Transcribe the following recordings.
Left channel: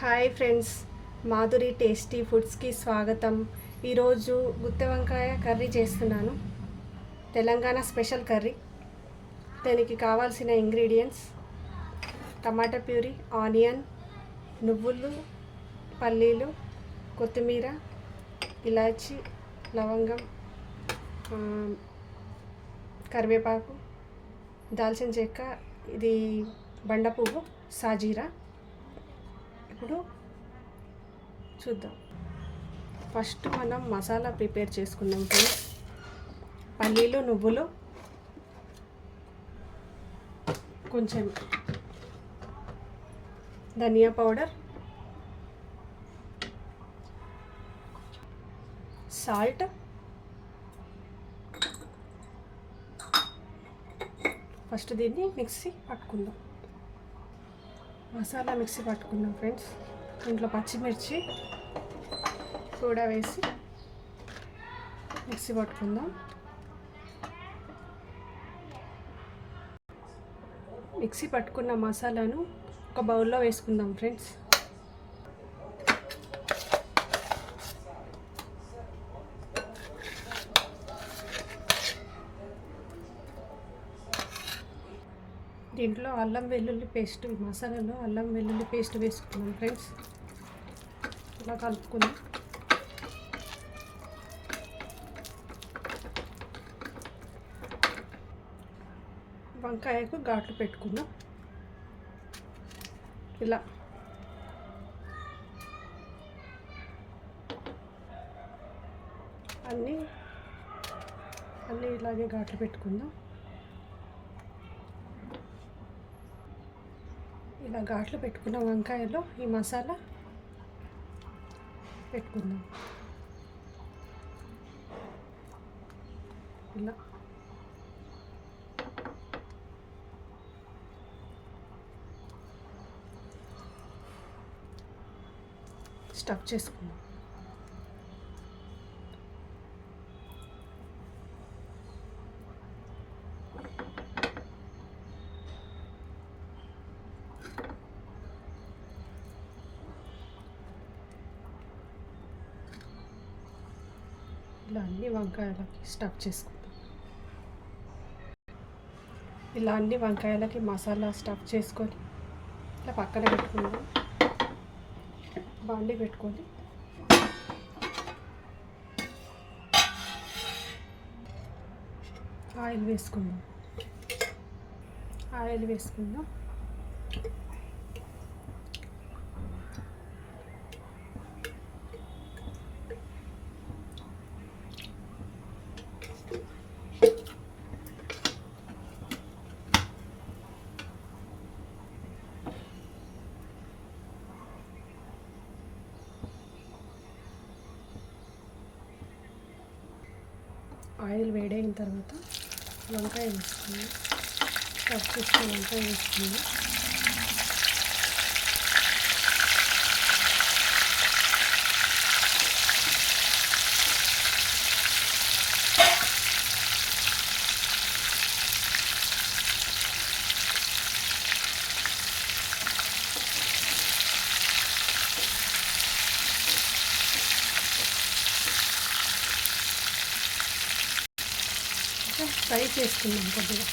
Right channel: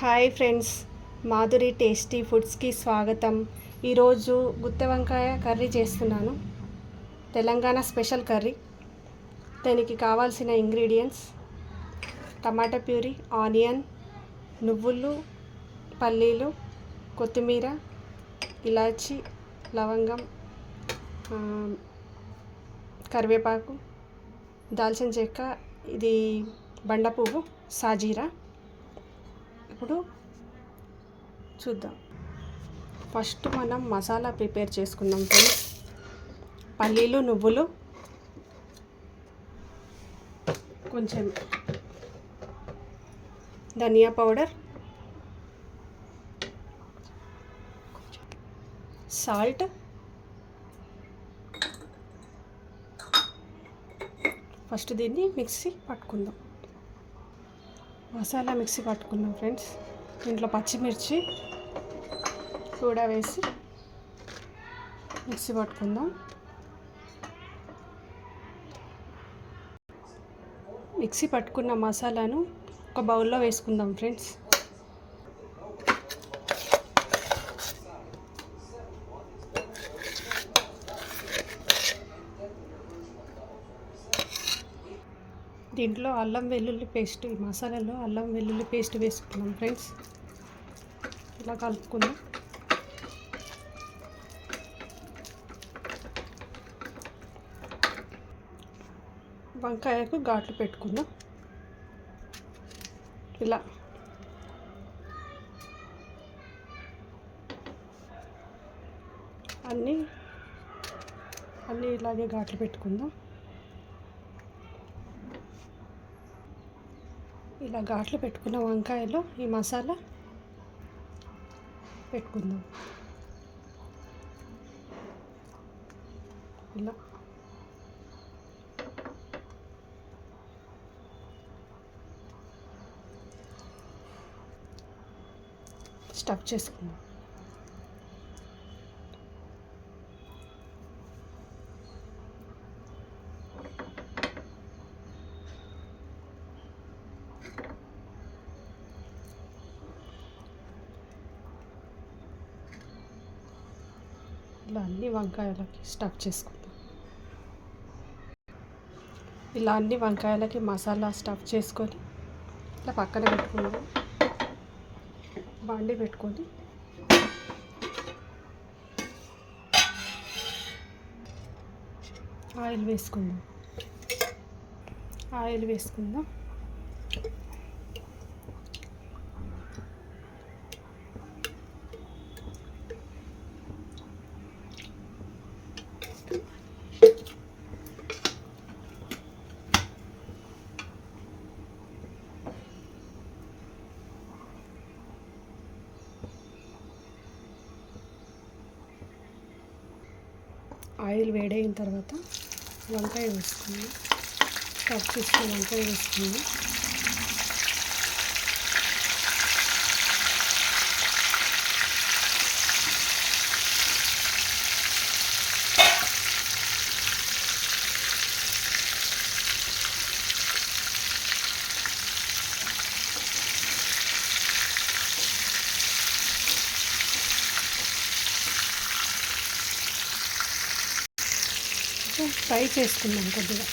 Hi friends Madhuri tasty ఫుడ్స్కి స్వాగతం. ఈరోజు గుత్త వంకాయ కర్రీ చేస్తున్నాను. Telangana special curry. దానికి కావాల్సిన ఇంగ్రీడియంట్స్ టమాటా ప్యూరీ ఆనియన్ నువ్వులు పల్లీలు కొత్తిమీర ఇలాచి లవంగం కరివేపాకు దాల్చిన చెక్క ఇది బండ పువ్వు సాజీరా. ఇప్పుడు చూద్దాం. ఫస్ట్ మనం మసాలా ప్రిపేర్ చేసుకుందాం ఫ్రెండ్స్. పల్లీలు నువ్వులు కొంచెం ధనియా పౌడర్ సాల్ట్ ఫస్ట్ దీన్ని మిక్సీ పట్టుకుందాం. మసాలా మిక్సీ పట్టుకున్నాం ఫ్రెండ్స్. దీంట్లో పచ్చిమిర్చి కూడా వేసి మిక్సీ పట్టుకుందాం. మిక్సీ పట్టుకున్న మసాలాను ఒక బౌల్లో వేసుకుందాం ఫ్రెండ్స్. దీంట్లో అల్లం వెల్లుల్లి పేస్ట్ ఈ మసాలాలో అల్లం వెల్లుల్లి పేస్ట్ వేసుకున్నాం ఫ్రెండ్స్. ఇలా కలుపుకుందాం వంకాయకు ఘాట్లు పెట్టుకుందాం ఇలా. అన్నీ అన్నీ ఇలాగే ఘాట్లు పెట్టుకుందాం. ఇలా ఘాట్లు పెట్టుకున్న వంకాయలో ఈ మసాలా పెట్టుకుందాం. ఇలా. స్టఫ్ చేసుకుందాం. ఇలా అన్ని వంకాయలకి స్టఫ్ చేసుకుందాం. ఇలా అన్ని వంకాయలకి మసాలా స్టఫ్ చేసుకొని ఇట్లా పక్కన పెట్టుకుందాం. బాండి పెట్టుకొని ఆయిల్ వేసుకుందాం. ఆయిల్ వేసుకుందాం. ఆయిల్ వేడైన తర్వాత వంకాయ వేసుకుందాం కట్ చేసుకుని వంకాయ వేసుకుందాం ఫ్రై చేసుకుందాం కొద్దిగా.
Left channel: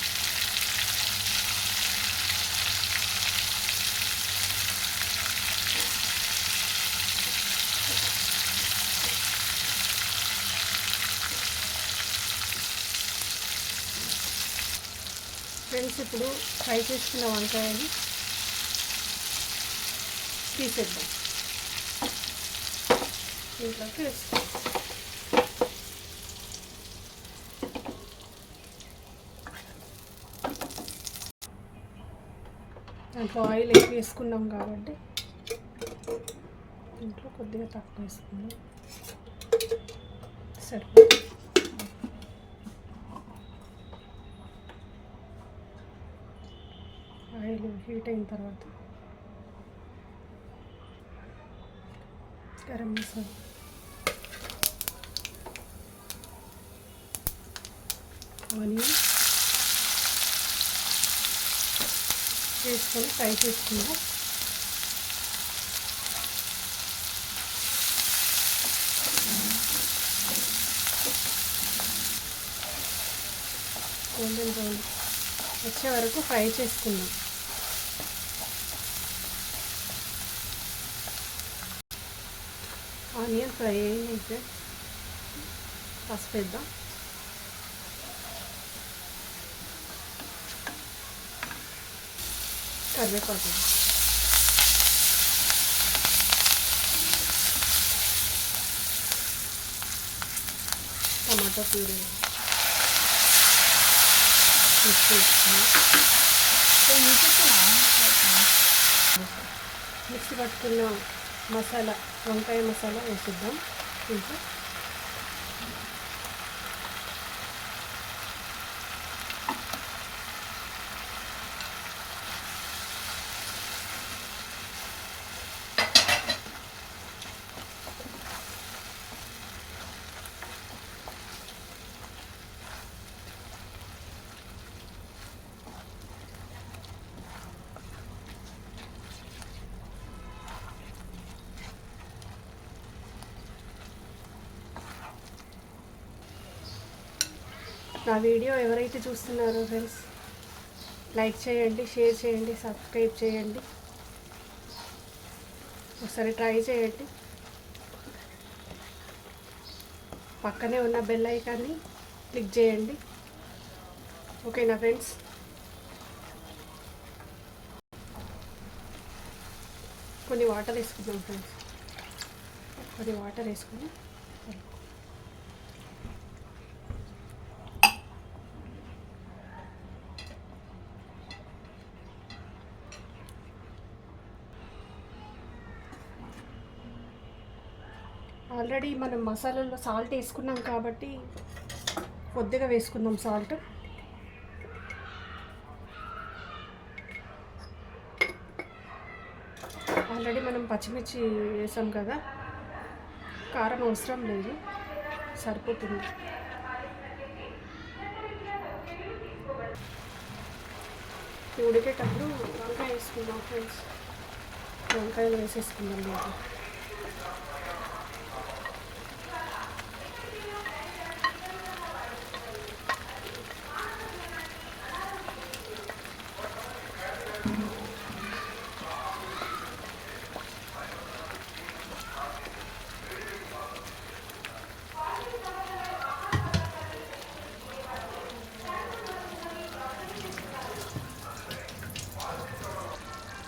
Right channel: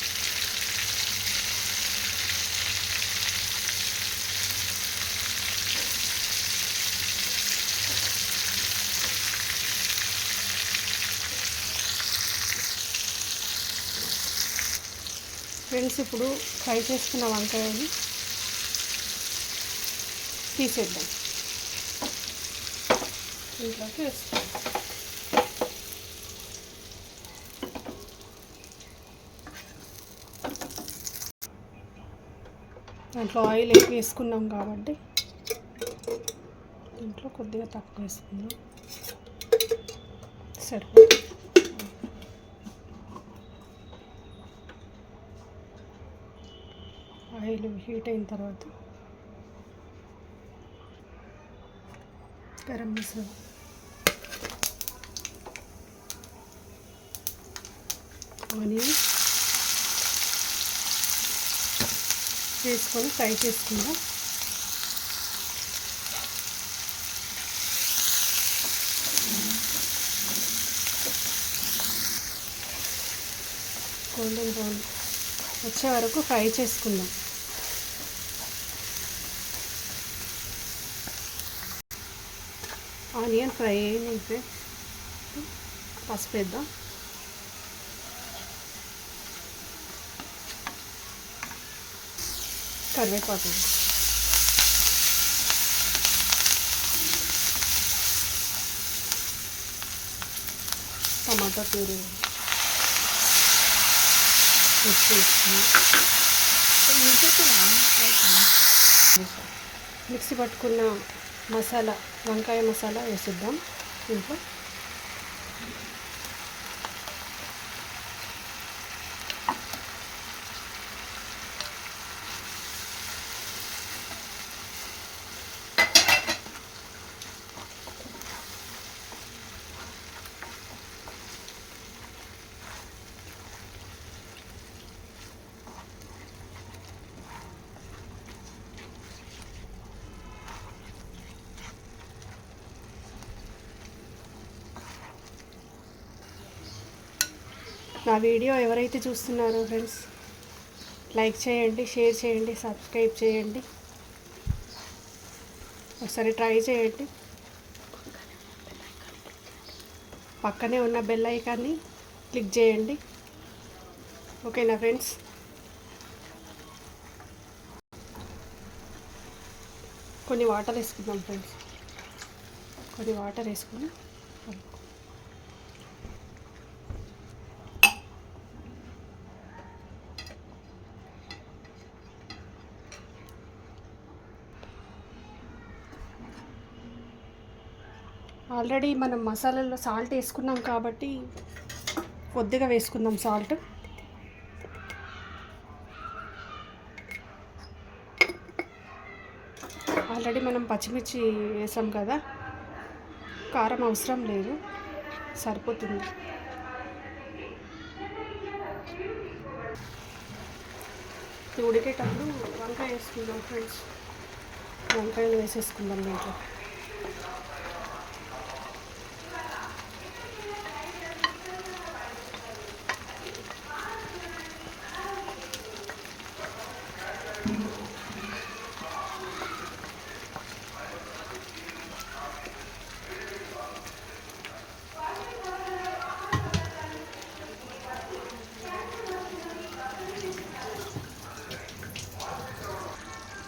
ఫ్రెండ్స్ ఇప్పుడు ఫ్రై చేసుకున్న వంకాయని తీసేద్దాం. ఇంట్లోకి వేసుకుందాం దాంట్లో ఆయిల్ ఎక్కువ వేసుకున్నాం కాబట్టి దీంట్లో కొద్దిగా తక్కువ వేసుకుందాం. సరే ఆయిల్ హీట్ అయిన తర్వాత గరం మసాలా. ఆనియన్. చేసుకొని ఫ్రై చేసుకుందాం. గోల్డెన్ బ్రౌన్ వచ్చే వరకు ఫ్రై చేసుకుందాం. ఆనియన్ ఫ్రై అయింది పసుపు వేద్దాం. కరివేపాకు టమాటా ప్యూరీ మిక్స్ చేసుకుని మిక్సీ పట్టుకున్న మసాలా వంకాయ మసాలా వేసిద్దాం దీంట్లో నా వీడియో ఎవరైతే చూస్తున్నారో ఫ్రెండ్స్ లైక్ చేయండి షేర్ చేయండి సబ్స్క్రైబ్ చేయండి. ఒకసారి ట్రై చేయండి. పక్కనే ఉన్న బెల్ ఐకాన్ని క్లిక్ చేయండి. ఓకేనా ఫ్రెండ్స్? కొన్ని వాటర్ వేసుకుందాం ఫ్రెండ్స్. కొన్ని వాటర్ వేసుకుని ఆల్రెడీ మనం మసాలాలో సాల్ట్ వేసుకున్నాం కాబట్టి కొద్దిగా వేసుకుందాం సాల్ట్. ఆల్రెడీ మనం పచ్చిమిర్చి వేసాం కదా. కారం అవసరం లేదు. సరిపోతుంది. ఉడికేటప్పుడు వంకాయ వేసుకుందాం ఫ్రెండ్స్. వంకాయలు వేసేసుకుందాం దీంట్లో.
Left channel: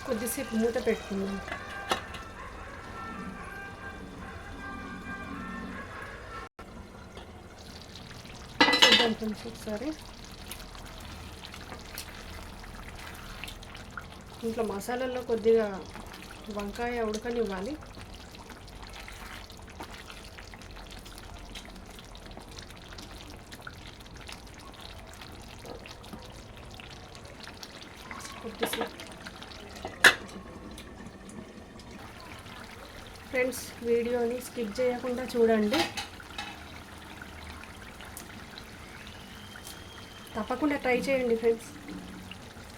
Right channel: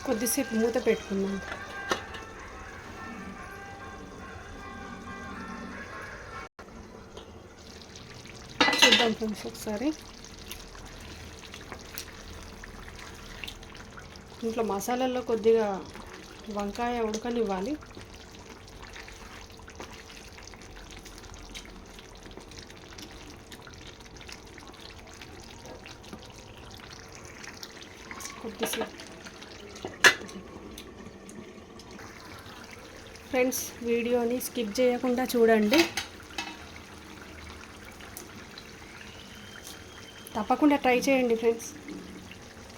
కొద్దిసేపు మూత పెట్టుకుందాం. చూద్దాం ఫ్రెండ్స్ ఒకసారి. ఇంట్లో మసాలాల్లో కొద్దిగా వంకాయ ఉడకనివ్వాలి. కొద్దిసేపు ఫ్రెండ్స్ వీడియోని స్కిప్ చేయకుండా చూడండి. తప్పకుండా ట్రై చేయండి ఫ్రెండ్స్.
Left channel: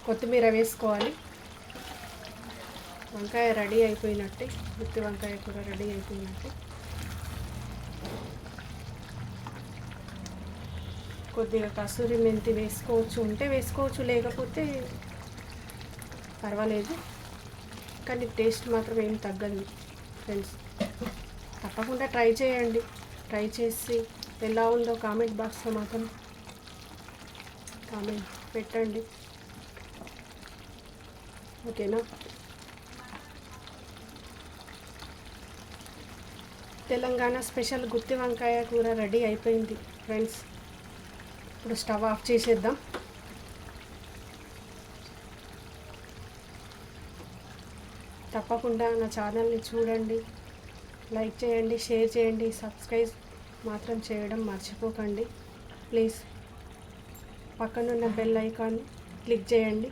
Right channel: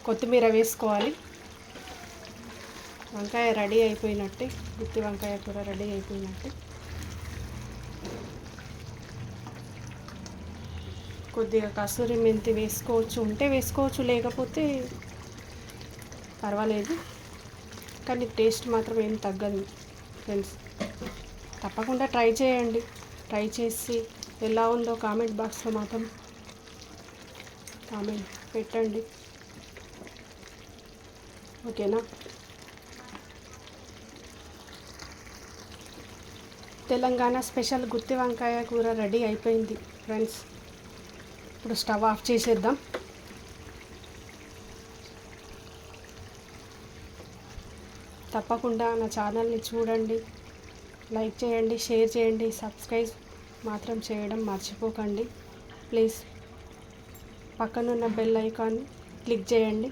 కొత్తిమీర వేసుకోవాలి. వంకాయ రెడీ అయిపోయినట్టే. గుత్తి వంకాయ కూర రెడీ అయిపోయినట్టే. కొద్దిగా కసూరి మెంతి వేసుకోవచ్చు ఉంటే వేసుకోవచ్చు లేకపోతే పర్వాలేదు. కానీ టేస్ట్ మాత్రం ఏం తగ్గదు. ఫ్రెండ్స్. తప్పకుండా ట్రై చేయండి. ట్రై చేసి ఎలా ఉందో కామెంట్ బాక్స్లో మాత్రం కామెంట్ పెట్టండి. ఓకేనా? తెలంగాణ స్పెషల్ గుత్తి వంకాయ కూర రెడీ అయిపోయింది ఫ్రెండ్స్. ఇప్పుడు స్టవ్ ఆఫ్ చేసేద్దాం. తప్పకుండా నా ఛానల్ని చూడండి లైక్ చేయండి షేర్ చేయండి సబ్స్క్రైబ్ మాత్రం చేయడం మర్చిపోకండి. ప్లీజ్ పక్కనున్న బెల్ ఐకాన్ క్లిక్ చేయండి.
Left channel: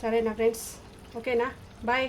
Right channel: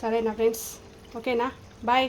సరేనా ఫ్రెండ్స్? ఓకేనా? బాయ్.